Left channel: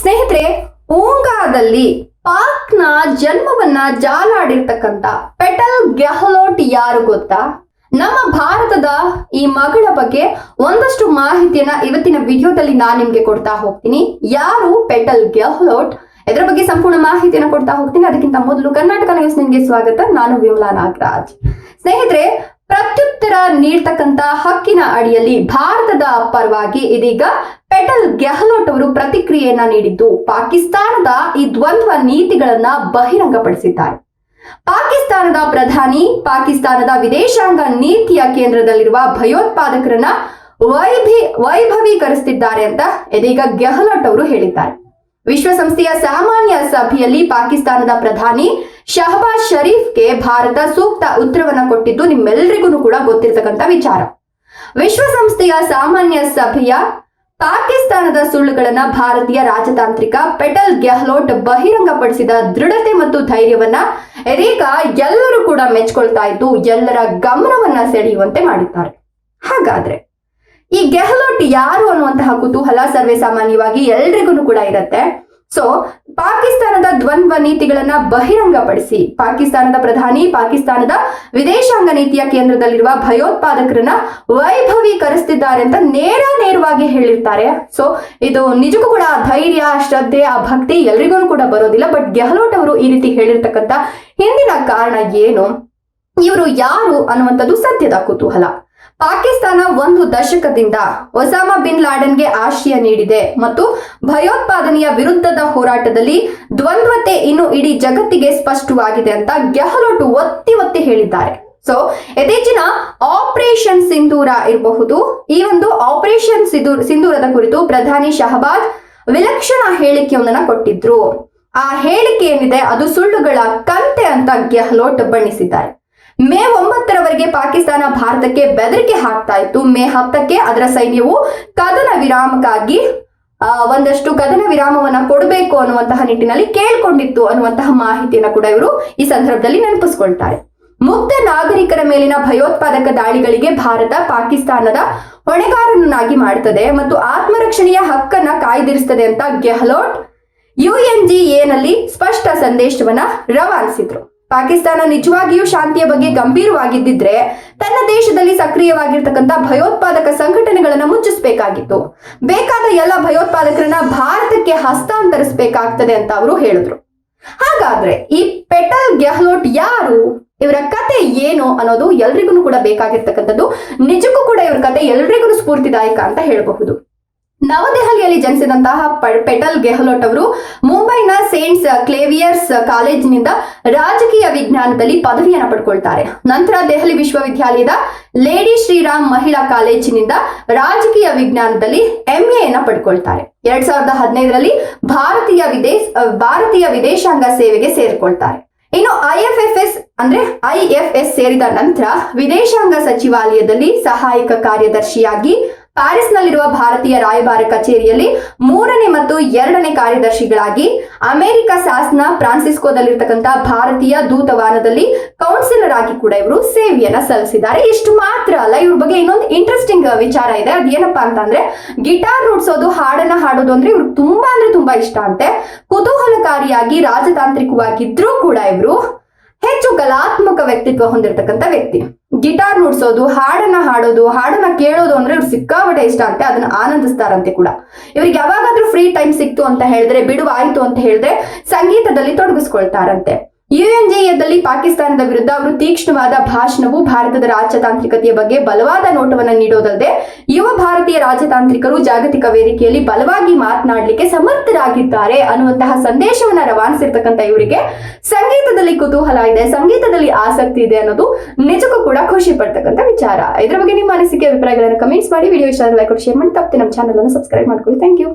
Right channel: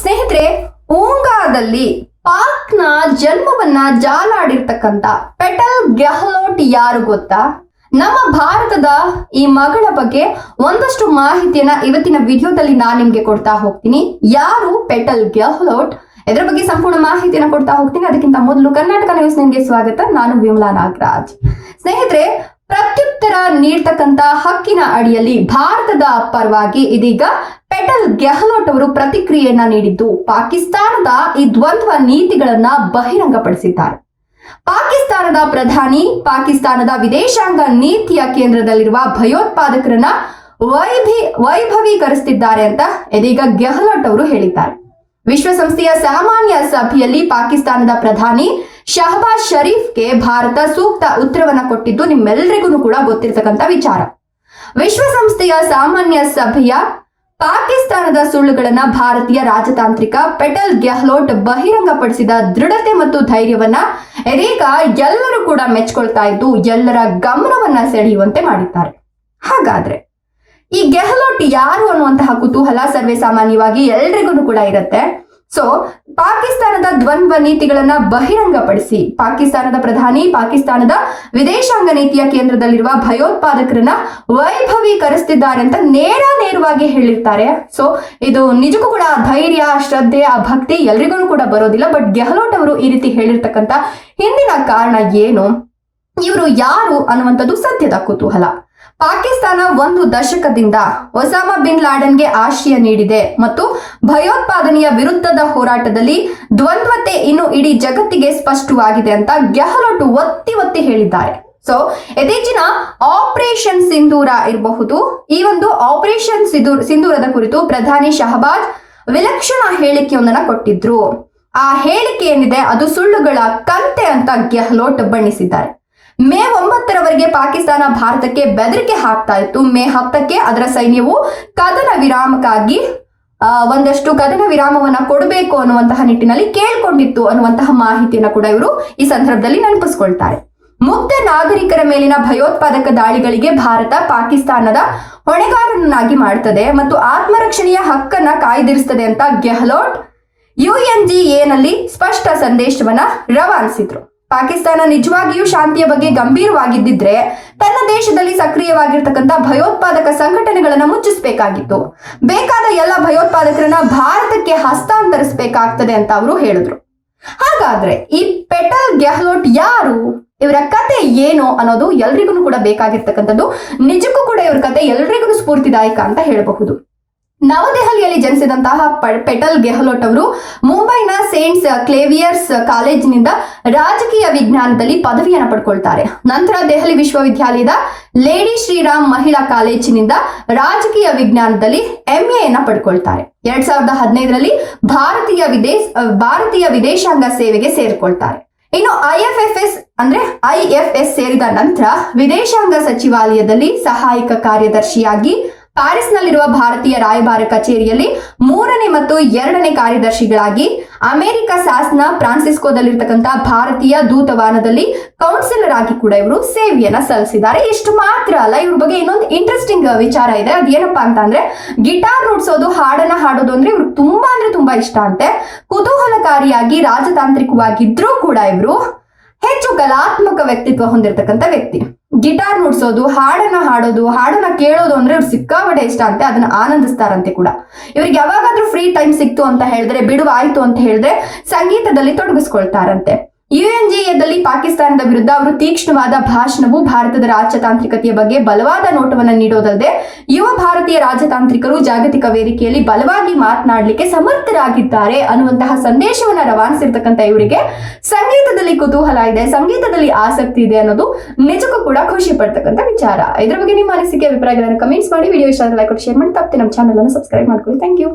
ಸ್ನೇಹಿತರೆ, ಓಂಗಾದಲ್ಲಿ ಪಾಕ್ನ ಜನ್ಮವನ್ನ ಜಾಲಾಡಿರ್ತಕ್ಕಂತ ಪೆಟಲ್ ಗೆಹ್ಲೋಟ್ ಯಾರು ಗೊತ್ತಾ? ನಮ್ಮ ಭಾರತದ ಈ ಮಗಳ ಬಗ್ಗೆ ಒಂದಷ್ಟು ಮಾಹಿತಿಯನ್ನ ಇವತ್ತಿನ ವಿಡಿಯೋದಲ್ಲಿ ನಾನು ನಿಮ್ಗೆ ಕೊಡ್ತಾ ಹೋಗ್ತೀನಿ. ಯಾರು ಪೆಟಲ್ ಗೆಹ್ಲೋಟ್ ಇದರ ಬಗ್ಗೆ ಸಂಪೂರ್ಣ ಮಾಹಿತಿಯನ್ನ ಕೊಡ್ತಾ ಹೋಗ್ತೀನಿ. ಅದಕ್ಕಿಂತ ಮೊದಲು ಕರ್ನಾಟಕ ನ್ಯೂಸ್ ನಿಮಗೆ ಸ್ವಾಗತ. ನಾನು ವಿಮಲಾ ನಾಗರಾಜ್. ಸ್ನೇಹಿತರೆ ಪ್ರತ್ಯುತ್ತರ ನೀಡ್ತಕ್ಕಂತ ಹಕ್ಕಿನ ಅಡಿಯಲ್ಲಿ ಭಾರತದ ಪರವಾಗಿ ಇದೀಗ ಪೆಟಲ್ ಗೆಹ್ಲೋಟ್ ಅವರು ಪ್ರತಿಕ್ರಿಯೆಯನ್ನ ನೀಡಿದ್ದು, ಪಾಕಿಸ್ತಾನದ ಈ ದ್ವಂದ್ವ ನೀತಿಗಳನ್ನ ಬಹಿರಂಗಪಡಿಸಿದ್ದಾರೆ. ಪಾಕಿಸ್ತಾನದ ಪ್ರಧಾನಿ, ಪಾಕಿಸ್ತಾನದ ವಿದೇಶಾಂಗ ನೀತಿಯ ಕೇಂದ್ರದಲ್ಲಿರುವ ಭಯೋತ್ಪಾದಕರನ್ನ ವೈಭಿ ವೈಭವೀಕರಿಸುತ್ತಿದ್ದಾರೆ ಅಂತ ಇದೀಗ ಗೆಹ್ಲೋಟ್ ಅವರು ಹೇಳಿದ್ದಾರೆ. ವಿಶ್ವಸಂಸ್ಥೆಯ ಸಾಮಾನ್ಯ ಸಭೆಯಲ್ಲಿ ಪಾಕಿಸ್ತಾನದ ಪ್ರಧಾನಿ ಶಹಬಾಜ್ ಶರೀಫ್ಗೆ ಭಾರತ ಸೂಕ್ತ ಉತ್ತರವನ್ನ ಕೊಟ್ಟಿದ್ದು ನಿಮ್ಮೆಲ್ಲರಿಗೂ ಕೂಡ ಗೊತ್ತಿರತಕ್ಕಂತ ವಿಚಾರ. ವಿಶ್ವಸಂಸ್ಥೆಯ ಸಾಮಾನ್ಯ ಸಭೆಯ ಪಾಕಿಸ್ತಾನದ ಸುಳ್ಳುಗಳನ್ನ ಭಾರತೀಯ ರಾಜತಾಂತ್ರಿಕ ಪೆಟಲ್ ಗೆಹ್ಲೋಟ್ ಬಹಿರಂಗಪಡಿಸಿದ ದೃಢತೆ ಮತ್ತು ಧೈರ್ಯವನ್ನ ಇದೀಗ ಎಲ್ಲರೂ ಕೂಡ ಮೆಚ್ಕೊಳ್ತಾ ಇದ್ದು ಎಲ್ಲರ ಗಮನವನ್ನ ಸೆಳೆಯುವಂತೆ ಮಾಡಿದ್ದಾರೆ. ಹಾಗಾದ್ರೆ ಈ ಗೆಹ್ಲೋಟ್ ಯಾರು ಅನ್ನುವಂತಹ ಕುತೂಹಲ ಸರ್ವೇ ಸಾಮಾನ್ಯವಾಗಿ ಎಲ್ರಿಗೂ ಕೂಡ ಇರುತ್ತೆ. ಸೊ ಪಾಕಿಸ್ತಾನದ ದ್ವಂದ್ವ ನೀತಿಗಳನ್ನ ಬಹಿರಂಗಪಡಿಸಿ, ಪಾಕಿಸ್ತಾನದ ಪ್ರಧಾನಿ, ಪಾಕಿಸ್ತಾನದ ವಿದೇಶಾಂಗ ನೀತಿಯ ಕೇಂದ್ರದಲ್ಲಿರುವ ಭಯೋತ್ಪಾದಕರನ್ನ ವೈಭವೀಕರಿಸ್ತಿದ್ದಾರೆ ಅಂತ ನೇರ ನೇರವಾಗಿ ಹೇಳಿರ್ತಾರೆ. ಸೊ ಇದು ನಿಜಕ್ಕೂ ಕೂಡ ಧೈರ್ಯ, ಶ್ರದ್ಧೆ ಆ ಭಕ್ತಿ ಎಲ್ರಿಗೂ ಕೂಡ ಬರೋದಿಲ್ಲ. ಬಟ್ ಗೆಹ್ಲೋಟ್ ಅವರು ಈ ರೀತಿ ಹೇಳಿರ್ತಕ್ಕಂಥ ಹಿಂದಿನ ಕಾರಣ ಏನು? ಇವರು ಯಾರು ಅನ್ನುವಂಥದ್ದು ಸದ್ಯದ ಕುತೂಹಲ. ಪಾಕಿಸ್ತಾನ ಒಂದು ದಶಕದಿಂದ ಒಸಾಮಾ ಬಿನ್ ಲಾಡನ್ಗೆ ಆಶ್ರಯ ನೀಡಿದೆ ಮತ್ತು ಭಯೋತ್ಪಾದನೆಯ ವಿರುದ್ಧದ ಹೋರಾಟದಲ್ಲಿ ದ್ವಂದ್ವತೆ ಇನ್ನು ಇಡೀ ಜಗತ್ತಿಗೆ ಸ್ಪಷ್ಟವಾಗಿದೆ ಅಂತ ಗೆಹ್ಲೋಟ್ ಒತ್ತಿ ಒತ್ತಿ ಹೇಳಿದ್ದಾರೆ. ಸೊ ಯಥೇಚಿನ ಆಪರೇಷನ್ ಸಿಂಧೂರ ಇರಬಹುದು. ಈ ಒಂದು ಆಪರೇಷನ್ ಸಿಂಧೂರ್ ಸಿಂಧೂರದ ಕುರಿತು ಪ್ರಧಾನಿ ಶಹಬಾಜ್ ವಿಲಕ್ಷಣ ಹೇಳಿಕೆಯೊಂದನ್ನ ಕೊಟ್ಟಿದ್ರು. ಆ ಹೇಳಿಕೆ ಏನಿದೆ? ಅದು ಸುಳ್ಳುಗಳ ಕಂತೆ ಅಂತ ಗೆಹ್ಲೋಟ್ ಬಣ್ಣಿಸಿದ್ದಾರೆ. ಮೇ ಒಂಬತ್ತರವರೆಗೆ ಪಾಕಿಸ್ತಾನ ಭಾರತಕ್ಕೆ ಬೆದರಿಕೆ ಹಾಕ್ತಾ ಇತ್ತು. ಮೇ ಹತ್ತಕ್ಕೆ ಅದರ ಸೈನ್ಯವು ಕದನ ವಿರಾಮಕ್ಕಾಗಿ ಒಂದಷ್ಟು ಕದನ ವಿರಾಮವನ್ನ ಕೊಡಬೇಕು ಅನ್ನುವಂತಹ ನಿಟ್ಟಿನಲ್ಲಿ ಕೇಳ್ಕೊಂಡಿತ್ತು ಅನ್ನುವಂತಹ ಮಾಹಿತಿಯನ್ನ ಕೂಡ ಇವರು ಈ ಸಂದರ್ಭದಲ್ಲಿ ನೆನಪಿಸ್ಕೊಳ್ತಾರೆ. ಮುಕ್ತ ನಾಗರಿಕರ ಮೇಲಿನ ಭಯೋತ್ಪಾದಕ ದಾಳಿಗಳಿಗೆ ಭಾರತ ಪಾಕಿಸ್ತಾನದ ಹೊಣೆಗಾರನನ್ನಾಗಿ ಮಾಡುತ್ತದೆ ಮತ್ತು ಆತ್ಮರಕ್ಷಣೆಯ ಹಕ್ಕನ್ನ ಕಾಯ್ದಿರಿಸುತ್ತದೆ ಅಂತ ಗೆಹ್ಲೋಟ್ ಯುಎನ್ಜಿಎನಲ್ಲಿ ಸ್ಪಷ್ಟ ಸಂದೇಶವನ್ನ ರವಾನಿಸಿದ್ರು. ಪಾಕಿಸ್ತಾನ ನಿಜವಾಗಿಯೂ ಶಾಂತಿಯ ಬಗ್ಗೆ ಗಂಭೀರವಾಗಿದ್ದಿದ್ರೆ ತನ್ನ ದೇಶದಲ್ಲಿ ಸಕ್ರಿಯವಾಗಿರ್ತಕ್ಕಂಥ ಭಯೋತ್ಪಾದಕ ಸಂಘಟನೆಗಳನ್ನು ಮುಚ್ಚಿಸಬೇಕಾಗಿತ್ತು. ಬೇಕಾದ ಎಲ್ಲ ಭಯೋತ್ಪಾದಕರನ್ನ ಭಾರತಕ್ಕೆ ಹಸ್ತಾಂತರಿಸಬೇಕಾಗ್ತದೆ ಅಂತ ಅವರು ಹೇಳಿದ್ರು. ಹಾಗಾದ್ರೆ ಈ ಪೆಟಲ್ ಗೆಹ್ಲೋಟ್ ಯಾರು? ಇವರ ಕತೆ ಏನು ಅನ್ನೋದು ಎಲ್ರಿಗೂ ಕೂಡ ಬೇಕಾಗಿರ್ತಕ್ಕಂಥದ್ದು, ನಿಜಕ್ಕೂ ಕೂಡ ಇವ್ರ ಕತೆ ಎಲ್ರಿಗೂ ಸ್ಫೂರ್ತಿದಾಯಕ ಅಂತ ಹೇಳಬಹುದು. ನವದೆಹಲಿಯಲ್ಲಿ ಜನಿಸಿದಂತಹ ಪೆಟಲ್ ಗೆಹ್ಲೋಟ್ ಅವರು ಮುಂಬೈನ ಸೇಂಟ್ಸ್ ಕ್ಲೇವಿಯರ್ಸ್ ಕಾಲೇಜಿನಿಂದ ರಾಜಕೀಯ ವಿಜ್ಞಾನದಲ್ಲಿ ಪದವಿಯನ್ನು ಪಡ್ಕೊಳ್ತಾರೆ. ನಂತರ ದೆಹಲಿ ವಿಶ್ವವಿದ್ಯಾಲಯದ ಲೇಡಿ ಶ್ರೀರಾಮ್ ಮಹಿಳಾ ಕಾಲೇಜಿನಿಂದ ರಾಜಕೀಯ ವಿಜ್ಞಾನದಲ್ಲಿ ಎಂಎಯನ್ನ ಪಡ್ಕೊಳ್ತಾರೆ. ಎರಡ್ ಸಾವಿರದ ಹದಿನೈದರಲ್ಲಿ ಭಾರತೀಯ ವಿದೇಶ, ಭಾರತೀಯ ವಿದೇಶಾಂಗ ಸೇವೆಗೆ ಸೇರಿಕೊಳ್ತಾರೆ. ಇನ್ನು ಐಎಫ್ಎಫ್ಎಸ್ ಅಂದ್ರೆ ಐಎಫ್ಎಸ್ ಸೇರಿದ ನಂತರ ವಿದೇಶಾಂಗ ಸಚಿವಾಲಯದಲ್ಲಿ ಸಹಾಯಕ ಕಾರ್ಯದರ್ಶಿಯಾಗಿ ಪ್ಯಾರಿಸ್ನಲ್ಲಿರುವ ಭಾರತೀಯ ರಾಯಭಾರ ಕಚೇರಿಯಲ್ಲಿ ಮೂರನೇ ಮತ್ತು ಎರಡನೇ ಕಾರ್ಯದರ್ಶಿಗಳಾಗಿ ಅಮೆರಿಕ ಸಾಸ್ನ ಫ್ರಾನ್ಸಿಸ್ಕೋದಲ್ಲಿರ್ತಕ್ಕಂಥ ಭಾರತೀಯ ದೂತವಾನದಲ್ಲಿ ಕೌನ್ಸಿಲರ್ ಆಗಿ ಕೂಡ ಇವರು ಸೇವೆಯನ್ನ ಸಲ್ಲಿಸಿದ್ದಾರೆ. ಇಷ್ಟು ಮಾತ್ರ ಅಲ್ಲ, ಇವ್ರ ಬಗ್ಗೆ ಇನ್ನೊಂದು ಇಂಟ್ರೆಸ್ಟಿಂಗ್ ವಿಚಾರ ಇದೆ. ಅದೇನಪ್ಪಾ ಅಂತ ಅಂದ್ರೆ, ಗಿಟಾರ್ ನುಡ್ಸೋದು, ಹಾಡನ್ನ ಹಾಡೋದು ಅಂದ್ರೆ ಇವ್ರಿಗೆ ತುಂಬಾ ಅಂದ್ರೆ ತುಂಬಾ ಇಷ್ಟ ಅಂತೆ. ಕುತೂಹಲಕಾರಿಯಾಗಿ ರಾಜತಾಂತ್ರಿಕವಾಗಿದ್ರೂ ಕೂಡ ಇವರು ಹೆಚ್ಚು ಕಲಾತ್ಮಕ ವ್ಯಕ್ತಿತ್ವ ಹೊಂದಿರತಕ್ಕಂಥ ವ್ಯಕ್ತಿ. ಗಿಟಾರ್ ನುಡ್ಸೋದು, ಹಾಡನ್ನ ಹಾಡೋದು, ಹಾಡನ್ನ ಕೇಳೋದು ಅಂದ್ರೆ ಇವ್ರು ಸಿಕ್ಕಾಪಟ್ಟೆ ಇಷ್ಟ ಅಂತೆ ಅದನ್ನ ಆನಂದಿಸ್ತಾರಂತೆ ಕೂಡ. ಇವ್ರಿಗೆ ಯಾವಾಗಾದ್ರೂ ಫ್ರೀ ಟೈಮ್ ಸಿಕ್ತು ಅಂತ ಹೇಳಿದ್ರೆ, ಬಿಡುವಾಯ್ತು ಅಂತ ಹೇಳಿದ್ರೆ ಸಂಗೀತದಲ್ಲಿ ತೊಡಗಿಸ್ಕೊಳ್ತಾರಂತೆ. ಯುಎನ್ಜಿಎದಲ್ಲಿ ಪಾಕಿಸ್ತಾನದ ವಿರುದ್ಧ ಅವರು ತೀಕ್ಷ್ಣವಾದ ಭಾಷಣವು ಭಾರತದ ರಾಜತಾಂತ್ರಿಕತೆಯ ಬಗ್ಗೆ ಬಲವಾದ ನೋಟವನ್ನು ನೀಡೋದಲ್ಲದೆ, ಯುವ ಭಾರತೀಯ ರಾಜತಾಂತ್ರಿಕರು ಜಾಗತಿಕ ವೇದಿಕೆಯಲ್ಲಿ ಬಲವಾಗಿ ಮಾತನಾಡಲಿಕ್ಕೆ ಸಮರ್ಥರಾಗಿದ್ದಾರೆ ಅನ್ನುವಂತಹ ಸಂದೇಶವನ್ನ ರವಾನಿಸಿರ್ತಕ್ಕಂಥ ಇವರಿಗೆ ಸಂಗೀತದಲ್ಲಿ ಕುತೂಹಲ ಇದೆ, ಸಂಗೀತದಲ್ಲಿ ಆಸಕ್ತಿ ಇದೆ ಅನ್ನೋದು ನಿಜಕ್ಕೂ ಕೂಡ ಖುಷಿ ಪಡ್ತಕ್ಕಂಥ ವಿಚಾರ. ಇದ್ರ ಬಗ್ಗೆ ನಿಮ್ಮ ಅನಿಸಿಕೆ, ಅಭಿಪ್ರಾಯಗಳನ್ನು ಕಮೆಂಟ್ಸ್ ಮಾಡಿ ವಿಡಿಯೋ ಇಷ್ಟ ಲೈಕ್ ಶೇರ್ ಮಾಡಿ. ತಪ್ಪದೆ ನಮ್ಮ ಚಾನಲ್ ಅನ್ನು ಸಬ್ಸ್ಕ್ರೈಬ್ ಮಾಡ್ಕೊಳ್ಳಿ. Thank you